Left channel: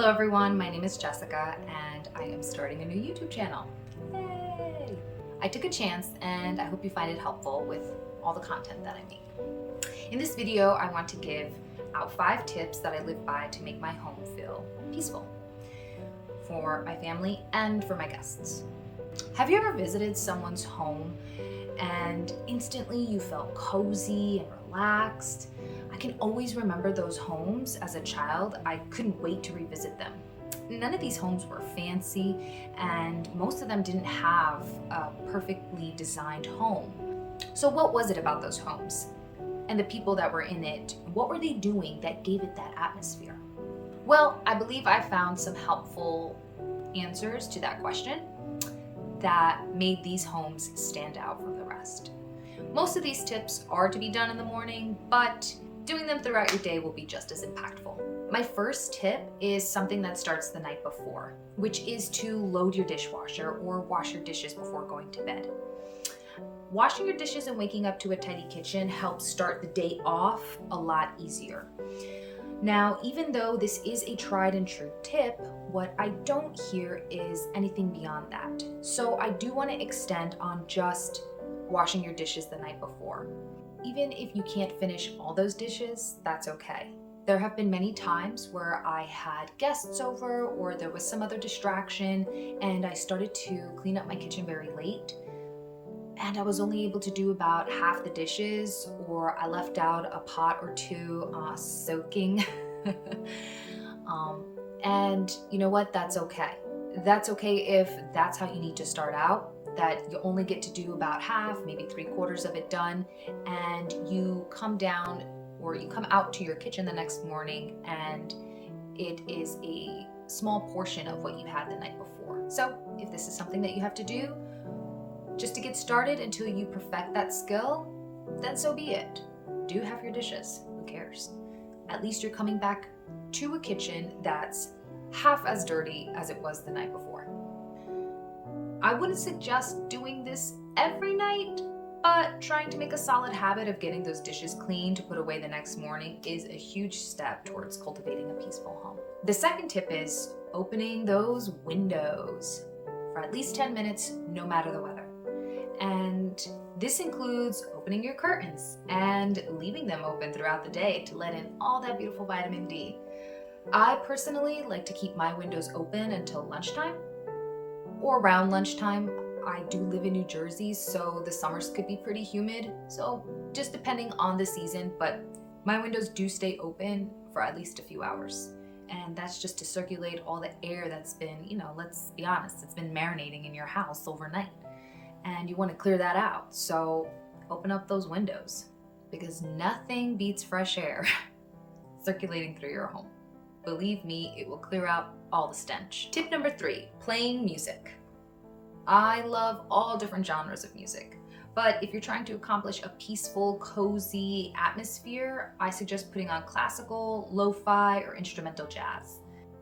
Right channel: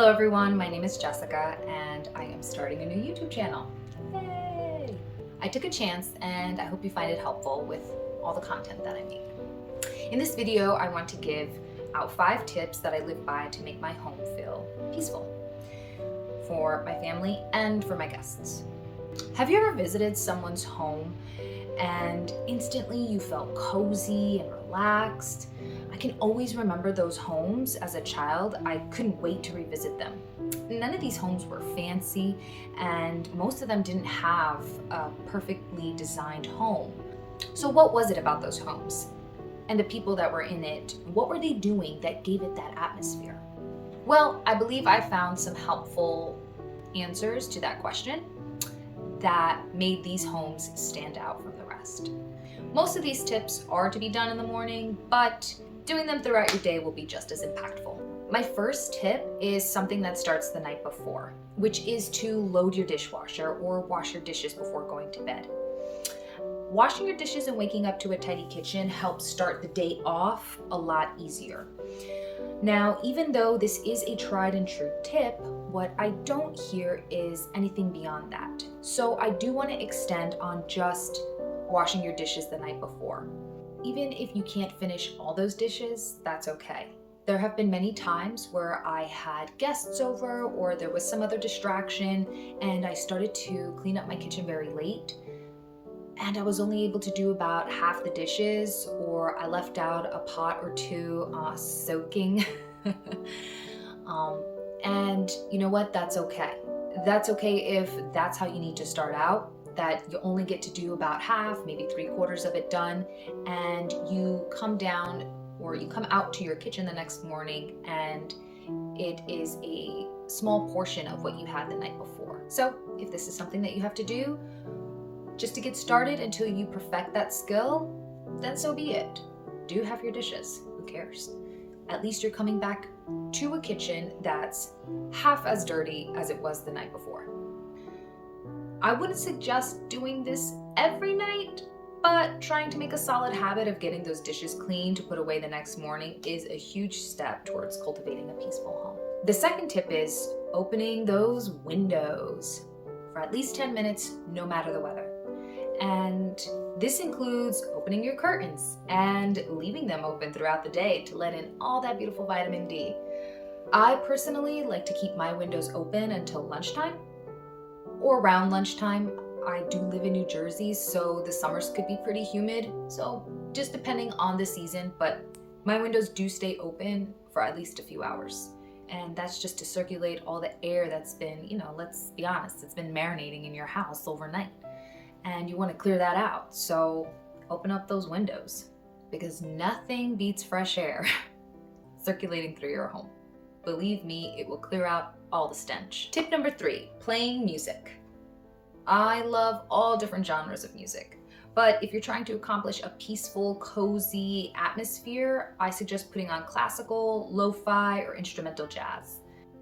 Hello everyone, my name is Jessica and I am starting a new YouTube channel. Yay! I took a chance and I hope you find it helpful with all the content that I make. In this video, I want to give out 5 tips that I live by to make my home feel peaceful for my family and for my guests. Have you ever visited someone's home and instantly you felt cozy and relaxed? I can always remember those homes as a child. I couldn't wait to revisit them. None of these homes were fancy and most of them didn't have a perfectly designed home. So what was it about those homes and the people that were in it? What were they doing that gave it that atmosphere? Well, I believe I found some helpful answers to that question that made these homes stand out from the rest. Most of these tips are to be done in the morning, but doing them throughout your day will be just as impactful. My first tip is something that starts the night before, which is to load your dishwasher or wash your dishes before going to bed. Washing your dishes and waking up to a tidy kitchen helps start the day off a lot easier. Now, even though this is a tried and true tip, what I don't hear is anything beyond that. So I do want to extend on just washing your dishes the night before. Even if you can't finish all those dishes, that's okay. There have been many times where I had guests over or there was some other distraction and I started to clean up my kitchen very late and I was only able to do about half the dishes, or I left out a pot or two soaking. And you know what? That's okay. That's okay if that's how you need to start out, that you only get to do about half, maybe 3/4 of it done, and you come down or you come out to your kitchen the next morning and it is a small portion of what you had the night before. So if this is something that you have to do just to get started until you perfect that skill, then so be it. Do half your dishes, who cares? At least you're coming back to a kitchen that's half as dirty as it was the night before. I wouldn't suggest doing this every night, but trying to make a solid habit of getting those dishes clean to put away the next morning is a huge step towards cultivating a peaceful home. The second tip is opening those windows for at least 10 minutes, no matter the weather. And this includes opening your curtains and leaving them open throughout the day to let in all that beautiful vitamin D. I personally like to keep my windows open until lunchtime or around lunchtime. I do live in New Jersey, so the summers could be pretty humid. So just depending on the season, but my windows do stay open for at least a few hours. And that's just to circulate all the air that's been, let's be honest, it's been marinating in your house overnight. And you want to clear that out. So open up those windows because nothing beats fresh air circulating through your home. Believe me, it will clear out all the stench. Tip number 3, playing music. I love all different genres of music, but if you're trying to accomplish a peaceful, cozy atmosphere, I suggest putting on classical, lo-fi, or instrumental jazz.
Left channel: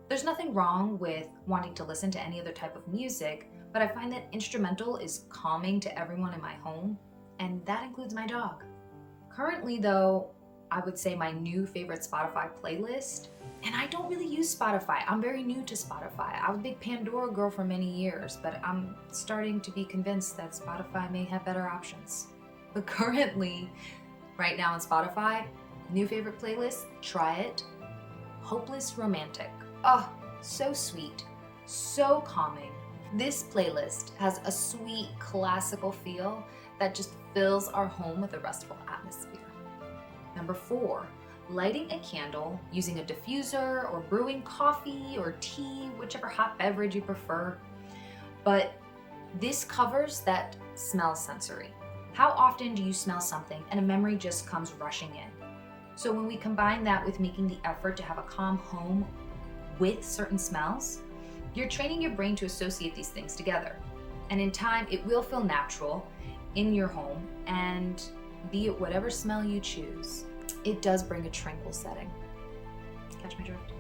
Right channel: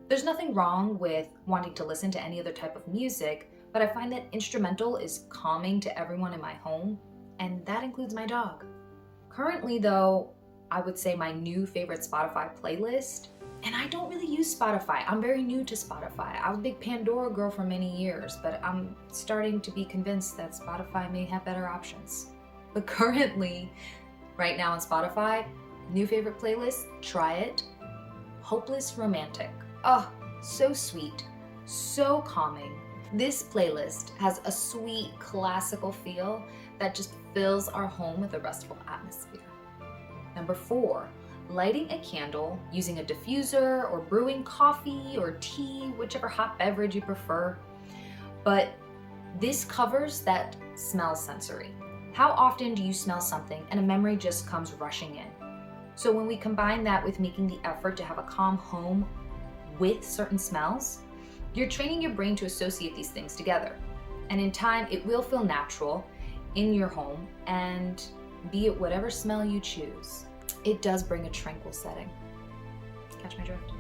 There's nothing wrong with wanting to listen to any other type of music, but I find that instrumental is calming to everyone in my home, and that includes my dog. Currently though, I would say my new favorite Spotify playlist, and I don't really use Spotify. I'm very new to Spotify. I was a big Pandora girl for many years, but I'm starting to be convinced that Spotify may have better options. But currently, right now on Spotify, new favorite playlist, try it, Hopeless Romantic. Oh, so sweet, so calming. This playlist has a sweet classical feel that just fills our home with a restful atmosphere. Number 4, lighting a candle using a diffuser or brewing coffee or tea, whichever hot beverage you prefer. But this covers that smell sensory. How often do you smell something and a memory just comes rushing in? So when we combine that with making the effort to have a calm home with certain smells, you're training your brain to associate these things together. And in time, it will feel natural in your home, and be it whatever smell you choose, it does bring a tranquil setting. Catch my drift?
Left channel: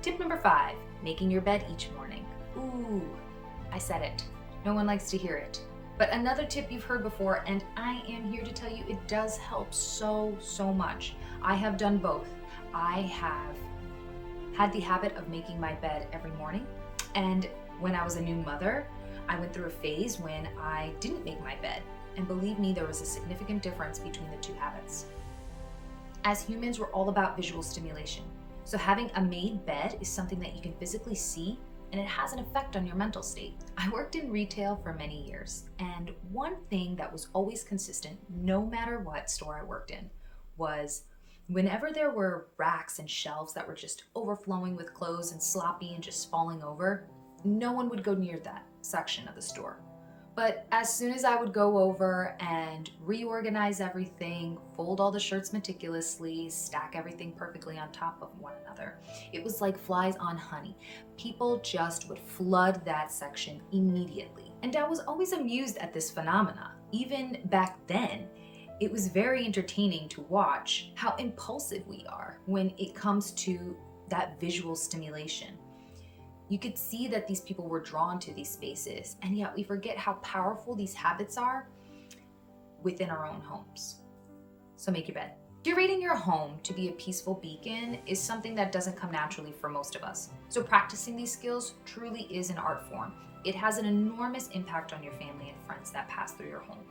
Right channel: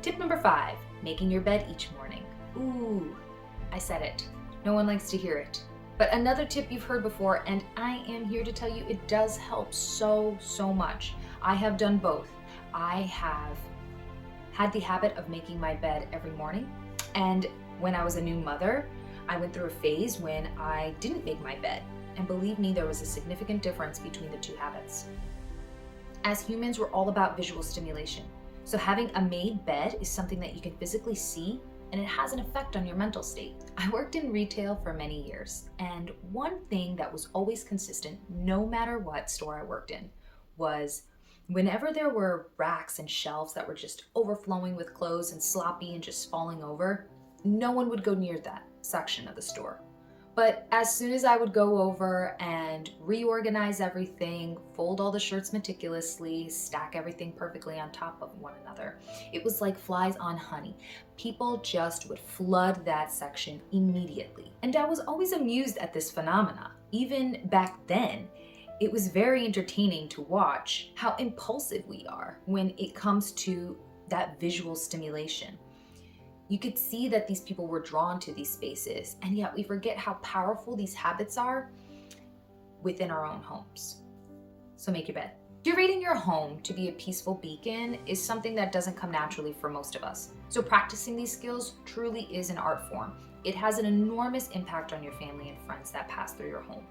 Tip number 5, making your bed each morning. Ooh, I said it. No one likes to hear it. But another tip you've heard before, and I am here to tell you it does help so much. I have done both. I have had the habit of making my bed every morning. And when I was a new mother, I went through a phase when I didn't make my bed. And believe me, there was a significant difference between the two habits. As humans, we're all about visual stimulation. So having a made bed is something that you can physically see, and it has an effect on your mental state. I worked in retail for many years, and one thing that was always consistent, no matter what store I worked in, was whenever there were racks and shelves that were just overflowing with clothes and sloppy and just falling over, no one would go near that section of the store. But as soon as I would go over and reorganize everything, fold all the shirts meticulously, stack everything perfectly on top of one another, it was like flies on honey. People just would flood that section immediately. And I was always amused at this phenomena. Even back then, it was very entertaining to watch how impulsive we are when it comes to that visual stimulation. You could see that these people were drawn to these spaces, and yet we forget how powerful these habits are within our own homes. So make your bed. Curating your home to be a peaceful beacon is something that doesn't come naturally for most of us. So practicing these skills truly is an art form. It has an enormous impact on your family and friends that pass through your home.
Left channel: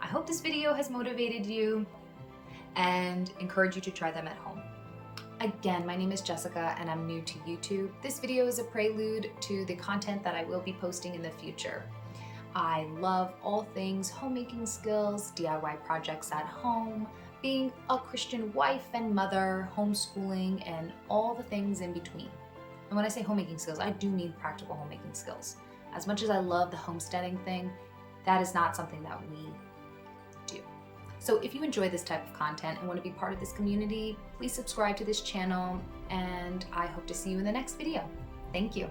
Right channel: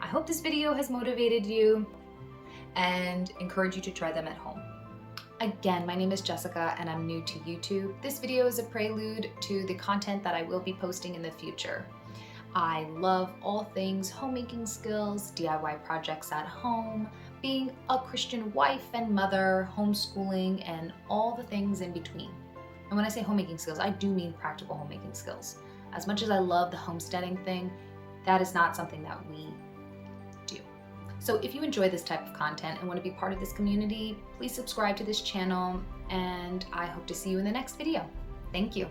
I hope this video has motivated you and encouraged you to try them at home. Again, my name is Jessica and I'm new to YouTube. This video is a prelude to the content that I will be posting in the future. I love all things homemaking skills, DIY projects at home, being a Christian wife and mother, homeschooling, and all the things in between. And when I say homemaking skills, I do mean practical homemaking skills. As much as I love the homesteading thing, that is not something that we do. So if you enjoy this type of content and want to be part of this community, please subscribe to this channel, and I hope to see you in the next video. Thank you.